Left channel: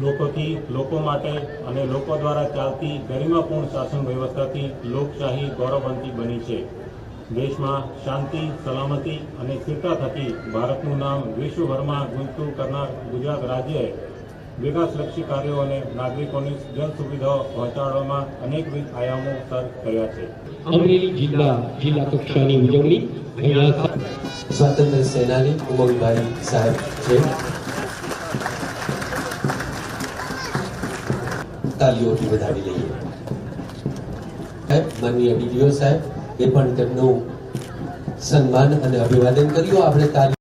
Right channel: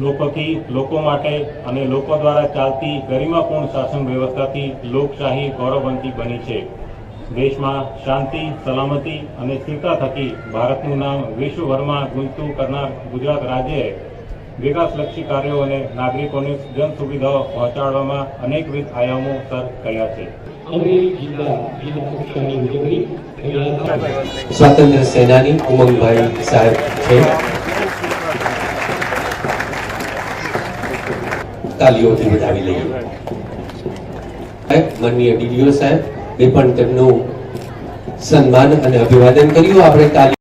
લોકોથી લોકો માટે અને લોકો દ્વારા ચાલતી ગરિમાપૂર્ણ શાસન વ્યવસ્થાથી લોકશાહી ગૌરવવંતી બની છે. દેશમાં શાંતિ સલામતી અને સ્થિરતા થકી ભારતનું નામ વિશ્વભરમાં ગુંજતું કરનાર ગુજરાત રાજ્યએ વિકાસલક્ષી કાર્યો અને નાગરિકોને જન સુવિધાઓ પહોંચાડવામાં અનેકવિધ આયામો સર કર્યા છે. સ્વાતંત્ર્ય સેનાની ઉમંગભાઈ સાહેબ છે. તાલીઓથી વધાવી લઈએ. માનનીય ડીડીઓ સાહેબ, એ પણ તેમનું સન્માન અને અભિવાદન કર્યું. આપણે તાલી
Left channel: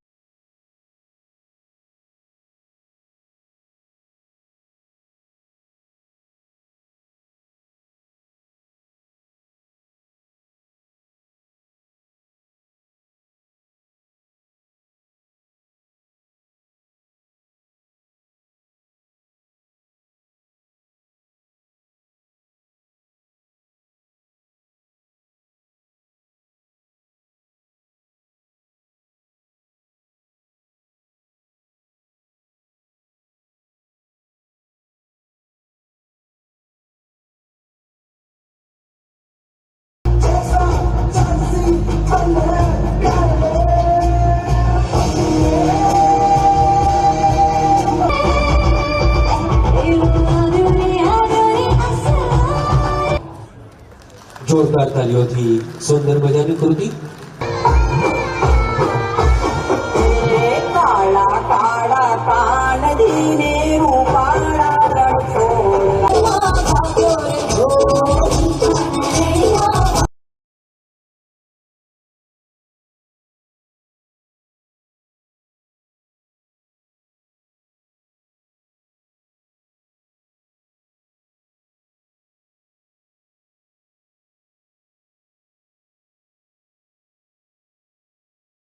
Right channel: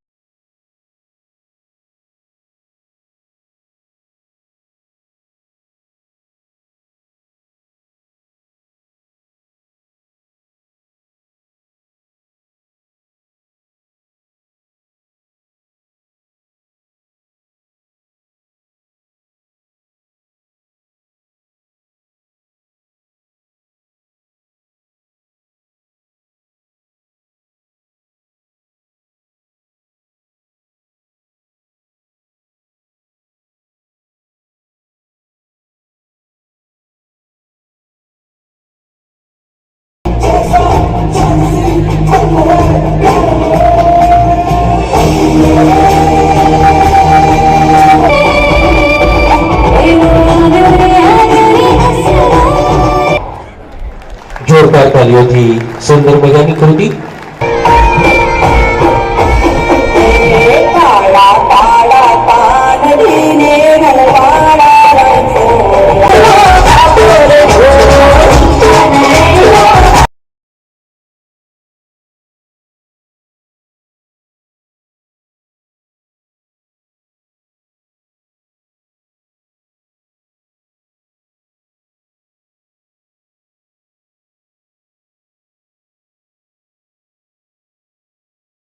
sorba kalio di sumber megani kredit